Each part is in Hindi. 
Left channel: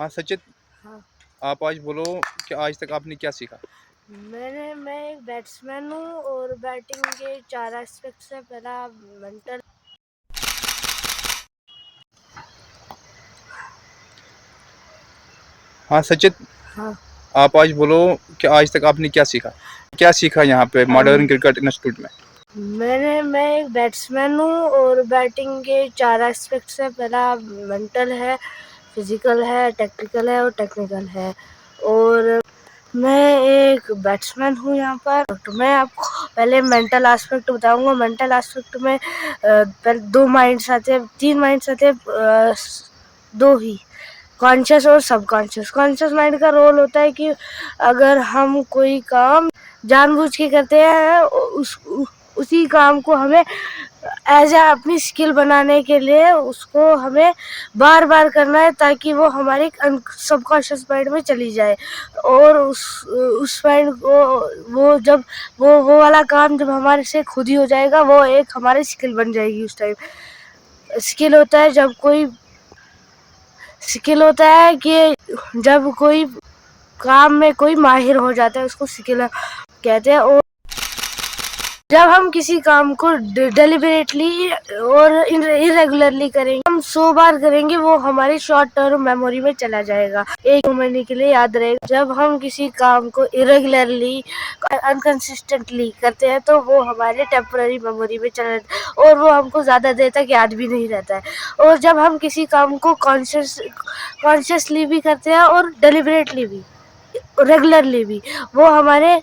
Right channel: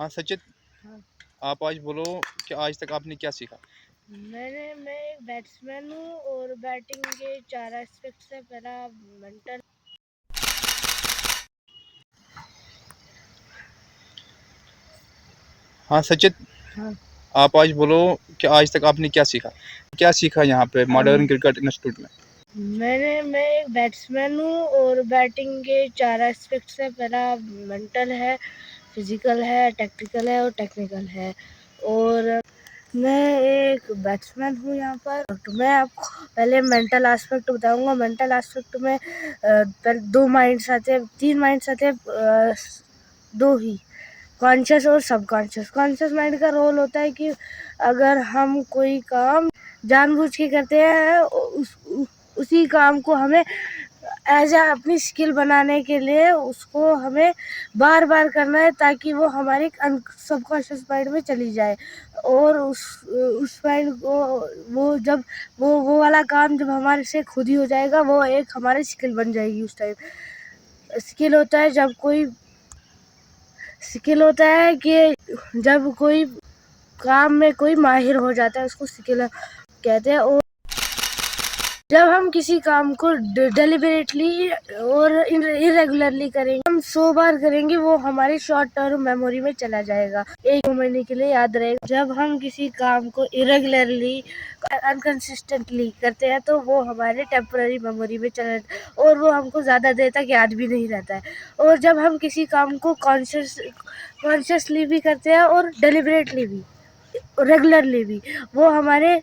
हाँ सचित, हाँ। आप आज बोलो कि आज तक आपने क्या सीखा? मैं एक बैट्समैन हूँ और बैटिंग के 4 एस्पेक्ट्स है। पहला मेंटल। हाँ सचित, हाँ। आप आज बोलो कि आज तक आपने क्या सीखा? क्या सीखा यहाँ पे मॉडर्न क्रिकेट इंस्टीट्यूट में? मैं एक बैट्समैन हूँ और बैटिंग के 4 एस्पेक्ट्स है। पहला मेंटल है, फिजिकल है, टैक्टिकल है और टेक्निकल है। और मैं एक बैट्समैन हूँ यहाँ पर। तो मैं आपको पहले मेंटल एस्पेक्ट बताऊंगा। मेंटल एस्पेक्ट में पहले 2 माइंड्स आते हैं, 3 माइंड्स आते हैं, 2 ही, कॉन्शियस और सबकॉन्शियस। कॉन्शियस माइंड का रोल होता है कि अगर हम कोई काम जानबूझ के करते हैं, उसी काम को हमें एज ए अपनी स्किल बनाने के लिए उसको हमें बार बार करना है ताकि वो हमारे सबकॉन्शियस माइंड में चली जाए। और उस माइंड को वो वाला काम जब हमारे से खुद ही हो जाएगा, वो एक हमारी स्किल बन जाएगी। उस टाइम स्किल होता है कि जब कोई काम में कोई माहिर हो जाता है, उसको स्किल कहते हैं। और जब हम किसी काम को डेलिबरेटली और इरेगुलरली करेंगे, हम 100 बार करेंगे, वो हमारी शॉर्ट टर्म मेमोरी में चला जाएगा, 1 महीने के लिए याद रहेगा। जब हम किसी काम को इरेगुलरली अनकंसिस्टेंटली करते हैं तो वो हमारे टेम्पररी मेमोरी में चला जाता है और वो हमको ज़्यादा देर तक याद भी नहीं रहता है। और जब हम किसी काम को कॉन्शियसली भी करते हैं और डेलिबरेटली भी, रेगुलरली भी, वो हमारे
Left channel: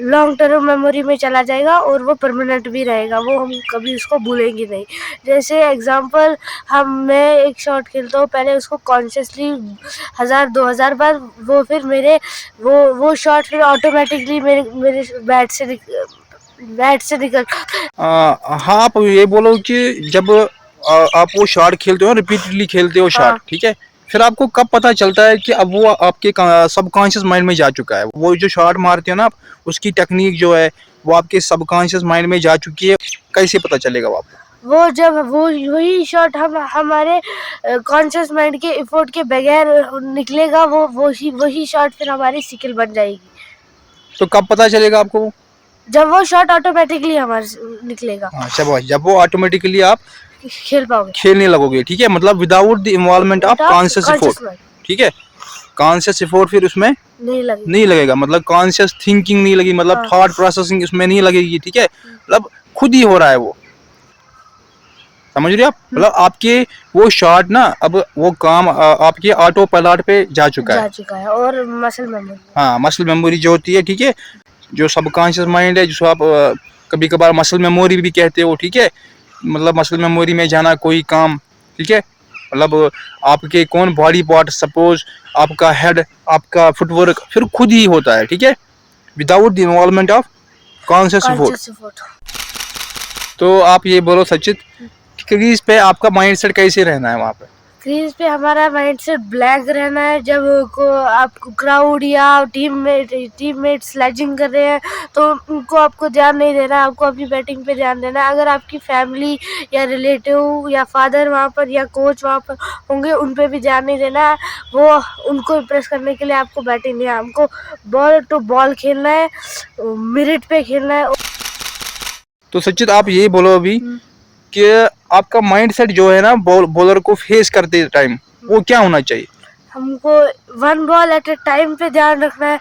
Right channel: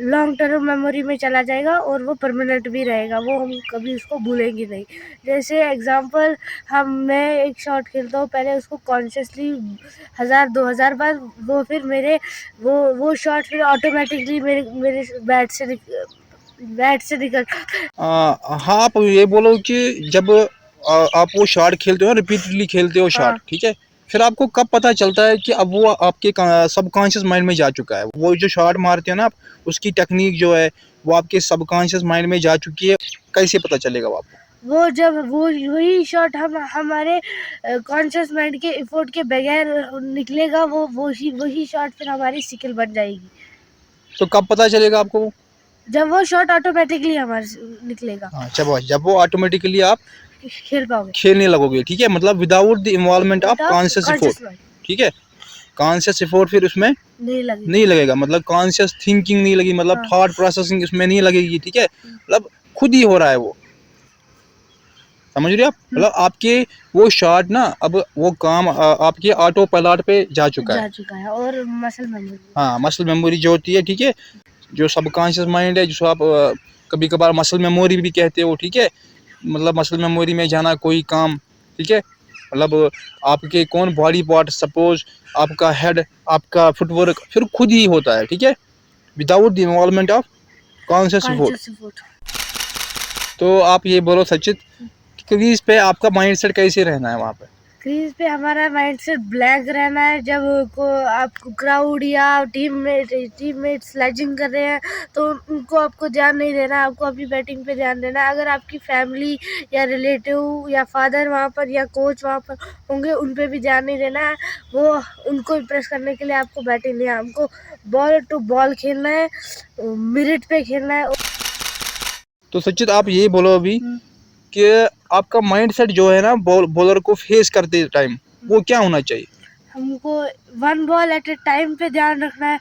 लॉन्ग टर्म मेमोरी में चला जाएगा और वो परमानेंट भी रहेगा। वो हम कभी उसको भूलेंगे नहीं। जैसे एग्जांपल, मैं एक शॉट खेलता हूँ, पहले उसको कॉन्शियसली 1000-2000 बार, वो फिर वो शॉट फिर ऑटोमेटिकली मेरे बैट से निकल। हाँ, आप ये बोलो कि जब आप वो शॉट खेलते हो, रिपीटेडली खेलते हो शॉट, हाँ। ठीक है, फिर आपको कब पता चलता है कि अब वो आपके सबकॉन्शियस माइंड में जा चुका है? वो जो शॉट मारते हो ना आप, उसकी टेक्निक जो है वो आपके सबकॉन्शियस माइंड में जा चुकी है, कैसे पता चलेगा वो आपको? वो जब वही शॉट हमारे कॉन्शियस माइंड के एफर्ट के बगैर निकलेगा, वही शॉट फिर हमारी स्किल बन जाएगी। तो कब पता चलेगा आपको वो? जब वो शॉट ऑटोमेटिकली हमारे निकलेगा। हाँ, जब वो ऑटोमेटिकली आप खेल पाओगे, खेलने लगोगे, ठीक है, मतलब without the involvement of conscious effort, conscious mind ठीक है। कॉन्शियस एफर्ट फिर उसमें नहीं लगेगा। नहीं लगेगा, मतलब कॉन्शियस थिंकिंग नहीं लगी, मतलब हाँ। थॉट प्रोसेसिंग इसमें नहीं लगेगी, ठीक है, मतलब खुद ही हो रहा है वो। समझ रहे हो आप? मतलब आपके वो शॉट ना, अब वो काम आपके ऑटो पायलट पे जा चुका है और मसल मेमोरी। हाँ, मसल मेमोरी जो होती है, ठीक है, जो सबकॉन्शियस माइंड है, जिसको आप कभी कभार मसल मेमोरी भी कहते हो, ठीक है, मतलब मसल मेमोरी में जाना कोई काम, ठीक है, मतलब आपके कौन बॉडी पार्ट, सपोज आपका हेड, आपका फुटवर्क फिर खुद ही होता है, ठीक है, without the involvement of conscious effort. तो आप ये बोलो सचित, क्रीज पे आपका माइंडसेट कैसे रहना है वहाँ पे? क्रीज पे हमारा माइंडसेट ब्लैक रहना है। जब आपको क्राउड या टीममेट स्लेजिंग कर रहे हैं तो उनको आपको ध्यान नहीं देना है, आपको अपनी बैटिंग पे ध्यान देना है। अगर आपकी फैमिली या रिलेटिव या फादर वहाँ पर या कोच वहाँ पर होंगे, उन पे भी ध्यान नहीं देना है। वो उनको इम्प्रेस करने के लिए आपको बैटिंग नहीं है, हमको बॉल टू बॉल खेलना है, मिनट पे खेलना है। तो सचित आप ये बोलो अभी कि आपका माइंडसेट जो है ना बॉलर को फेस करते टाइम, वो क्या होना चाहिए? हमको 1 बॉल एट ए टाइम पे ध्यान रखना है।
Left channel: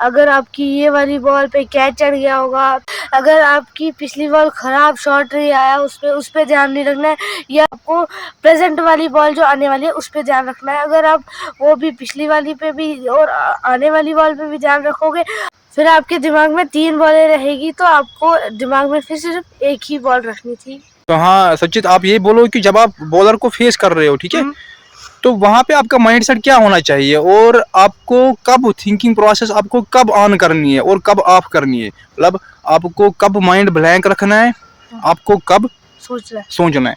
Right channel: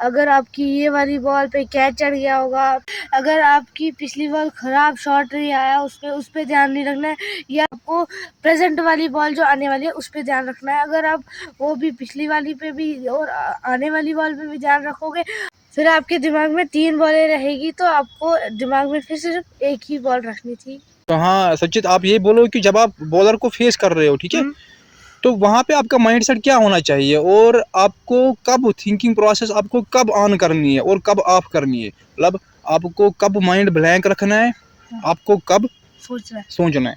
अगर आपकी ये वाली बॉल पे कैच चढ़ गया होगा, अगर आपकी पिछली बॉल खराब शॉट नहीं आया, उस पे ध्यान नहीं रखना है, या आपको प्रेजेंट वाली बॉल जो आने वाली है उस पे ध्यान रखना है। अगर आप वो भी पिछली वाली पे भी और आने वाली बॉल पे भी ध्यान रखोगे, फिर आपके दिमाग में 3 बॉलें रहेगी, तो आपको दिमाग में फिर सिर्फ एक ही बॉल रखनी थी। तो हाँ सचित, आप ये बोलो कि जब आप बॉलर को फेस कर रहे हो, ठीक है, तो वहाँ पे आपका माइंडसेट क्या होना चाहिए, और आपको कब थिंकिंग प्रोसेस आपको कब ऑन करनी है और कब ऑफ करनी है, मतलब आपको कब माइंड ब्लैंक रखना है, आपको कब सोचना है।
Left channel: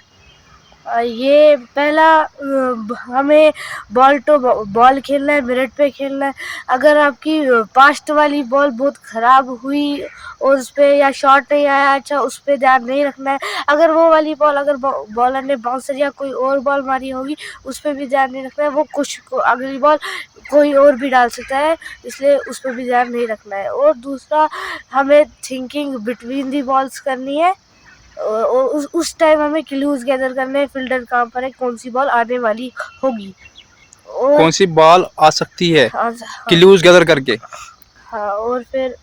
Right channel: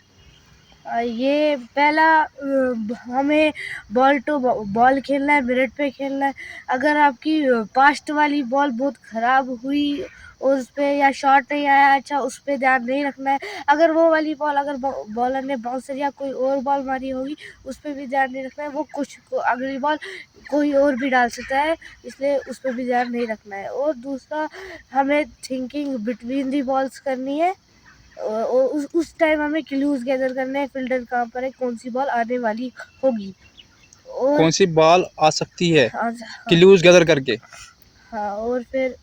ये पहला हमें बॉल टू बॉल खेलना है, मिनट पे खेलना है। अगर आपकी पास्ट वाली बॉल बहुत ख़राब हुई और उस पर या शॉट नहीं आया अच्छा, उस पर ध्यान नहीं रखना है। अगर वो वाली बॉल अगर बॉलर ने बाउंसर या कोई और बॉल मारी होगी उस पर भी ध्यान नहीं रखना है। वो अगली बॉल कोई और भी डाल सकता है, इसलिए उस पर भी ध्यान नहीं रखना है। और दूसरा, हमें थिंकिंग बिटवीन दी बॉल्स करनी है। और उस टाइम हमें क्लूज गैदर करने हैं, फील्डर काम पर है कौन सी बॉल आने वाली होगी और कौन सी बॉल आ सकती है, हाँ, क्लूज गैदर करके। हाँ। और फिर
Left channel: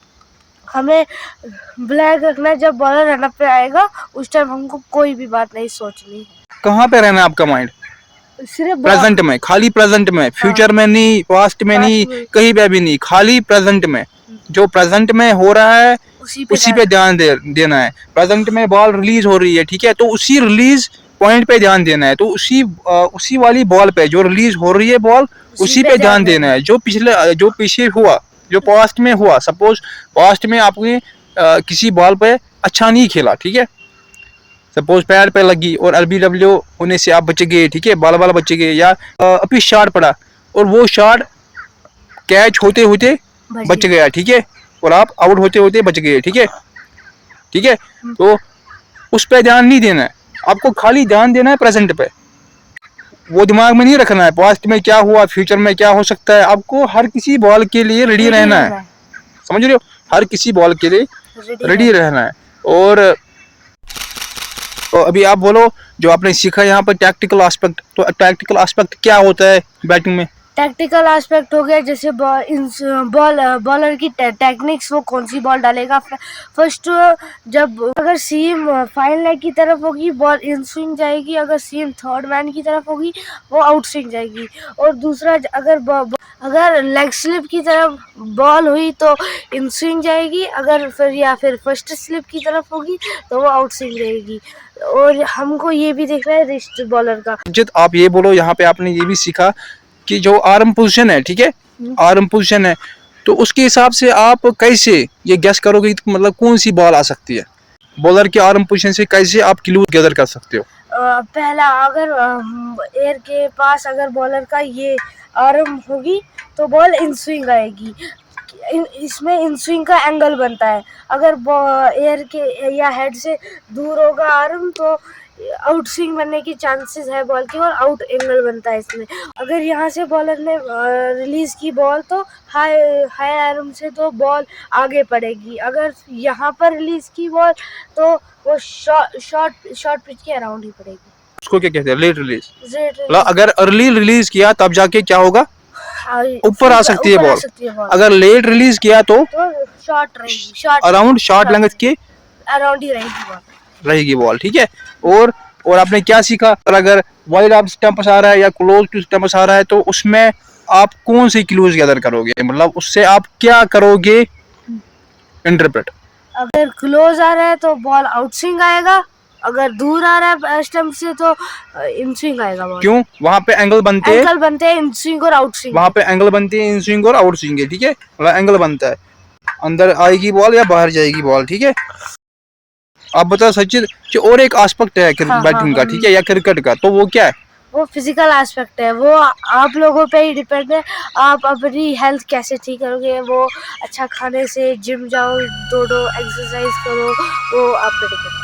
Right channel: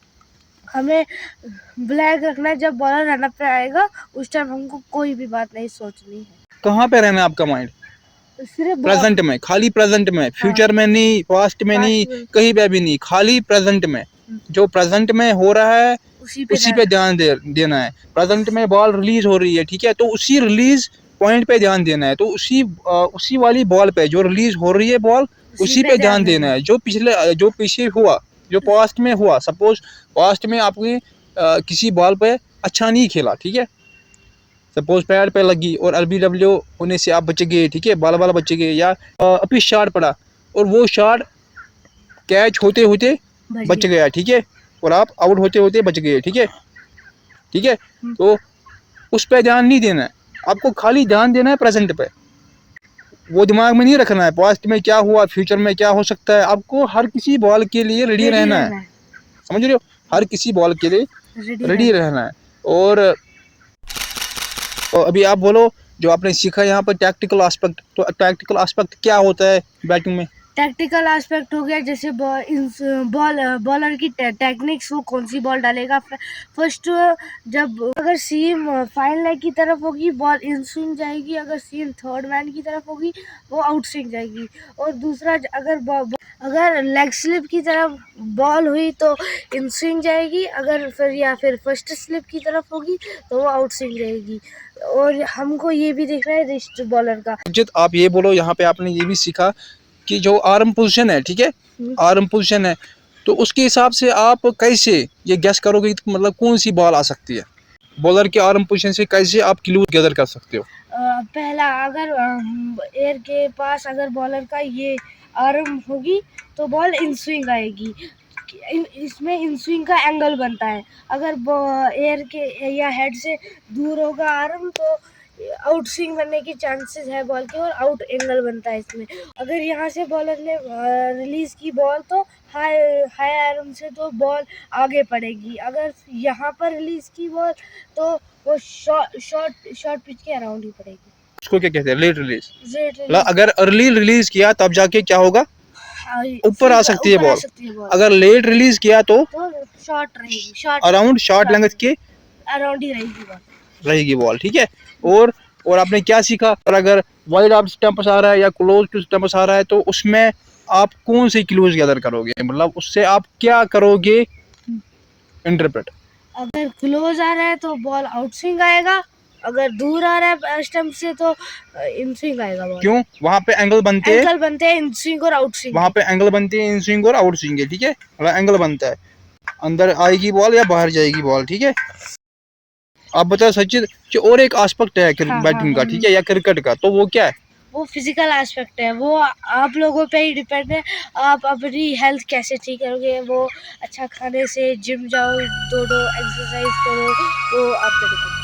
हमें ब्लैक रखना है, जब बॉलर रनअप पे आएगा उस टाइम हमको कोई भी बात नहीं सोचनी है। कहाँ पे रहना है आपका माइंड? सिर्फ प्रेजेंट में, खाली प्रेजेंट में, फ्यूचर में नहीं, पास्ट में नहीं, कहीं पे भी नहीं, खाली प्रेजेंट में। जो प्रेजेंट में हो रहा है उसी पे ध्यान देना है। प्रेजेंट में बॉल रिलीज हो रही है, ठीक है, तो उसी रिलीज पॉइंट पे ध्यान देना है। तो उसी वाली बॉल पे जो रिलीज हो रही है बॉल, उसी पे ध्यान देना है। जो पीछे हुआ, जो पास्ट में हुआ, सपोज पास्ट में आपने किसी बॉल पे अच्छा नहीं खेला, ठीक है, सपोज पैर पे लगी और LBW होने से आप बच गए, ठीक है, बाल बच गए, या अभी शॉट पड़ा और वो शॉट कैच होते होते बच गया, ठीक है, और आप आउट होते होते बच गए, ठीक है, ठीक है। तो उस पर ध्यान नहीं देना है, आपको खाली ध्यान देना है प्रेजेंट पे। वो दिमाग में नहीं रखना है पास्ट में क्या हुआ, फ्यूचर में क्या हो सकता है। आपको हर किसी बॉल के लिए रेडी रहना है, समझ रहे हो, हर किसी बॉल के लिए रेडी रहना है। और अभी आप बोलो जो आपने सीखा यहाँ पर टैक्टिकल एस्पेक्ट, तो टैक्टिकल एस्पेक्ट क्या होता है बैटिंग में? टैक्टिकल एस्पेक्ट हो गया जैसे बॉलर की टेक्निक्स, वो कौन सी बॉल डालेगा। फर्स्ट, जब अगर सीम फाइन लेग की तरफ होगी बॉल इन स्विंग जाएगी, अगर सीम थर्ड मैन की तरफ होगी वो आउट स्विंग जाएगी। और दूसरा, अगर लेग स्लिप की तरफ बॉल हुई तो इन स्विंग जाएगी, अगर फिर फर्स्ट स्लिप की तरफ होगी तो वो आउट स्विंग जाएगी। और हमको ये भी देखना है रिस्ट बॉलर का। जित आप ये बोलो, यहाँ पे आपने ये भी सीखा कि जो आर्म पोजीशन है, ठीक है, आर्म पोजीशन है, तो उसके हिसाब से आप कैसे ये गेस करोगे मतलब कौन सी बॉल आ सकती है? बॉलर के आर्म पोजीशन से कैसे आप क्लू गैदर कर सकते हो? पहला, अगर एयर के पास अगर बॉलर का ये आर्म होगी तो बॉल इन स्विंग आएगी। इसमें इन स्विंग का एंगल बनता है। अगर एयर के या हेड से दूर होगा आर्म तो आउट स्विंग बनने की चांसेस है बॉल की, और आउट एंगल बनता है इसमें। अगर यहाँ से बॉलर ने रिलीज की बॉल तो हाई आर्म से तो बॉल आगे पड़ेगी। अगर यहाँ पर रिलीज की बॉल तो वो शॉर्ट पिच के अराउंड ही पड़ेगी। उसको क्या कहते हैं? Late release. अगर अर्ली रिलीज किया तब जाके क्या होगा? ऊपर आ सकती है बॉल। अगर लेट रिलीज किया तो शॉर्ट रहेगी, अराउंड शॉर्ट लेंथ के अराउंड ही रहेगी बॉल, ठीक है। और आपने क्या सीखा? अगर वाइड ऑफ स्टंप्स आ रहा है या क्लोज टू स्टंप्स आ रहा है तो उसमें आप कौन सी क्लूज गैदर करोगे, मतलब उससे आप क्या करोगे इंटरप्रेट? अगर क्लोज आ रहा है तो बॉल आउट स्विंग आएगा, अगर दूर आ रहा है स्टंप से तो इन स्विंग आएगा बॉल। क्यों? वहाँ पे एंगल बनते हैं इन स्विंग और आउट स्विंग। वहाँ पे एंगल बनते हैं इन स्विंग और आउट स्विंग के, ठीक है, मतलब एंगल बनता है, अंदर आएगी बॉल या बाहर जाएगी बॉल, ठीक है। आप बताओ सचिन कि और एक एस्पेक्ट है बैटिंग का, ठीक है, या क्रिकेट का, तो वो क्या है? वो फिजिकल एस्पेक्ट है, वो आप लोगों पे ही डिपेंड है। आप अपनी हेल्थ कैसे ठीक करोगे, वो अच्छा खाने से, जिम जाओ, दौड़ो, एक्सरसाइज करो, वो आप पे डिपेंड है।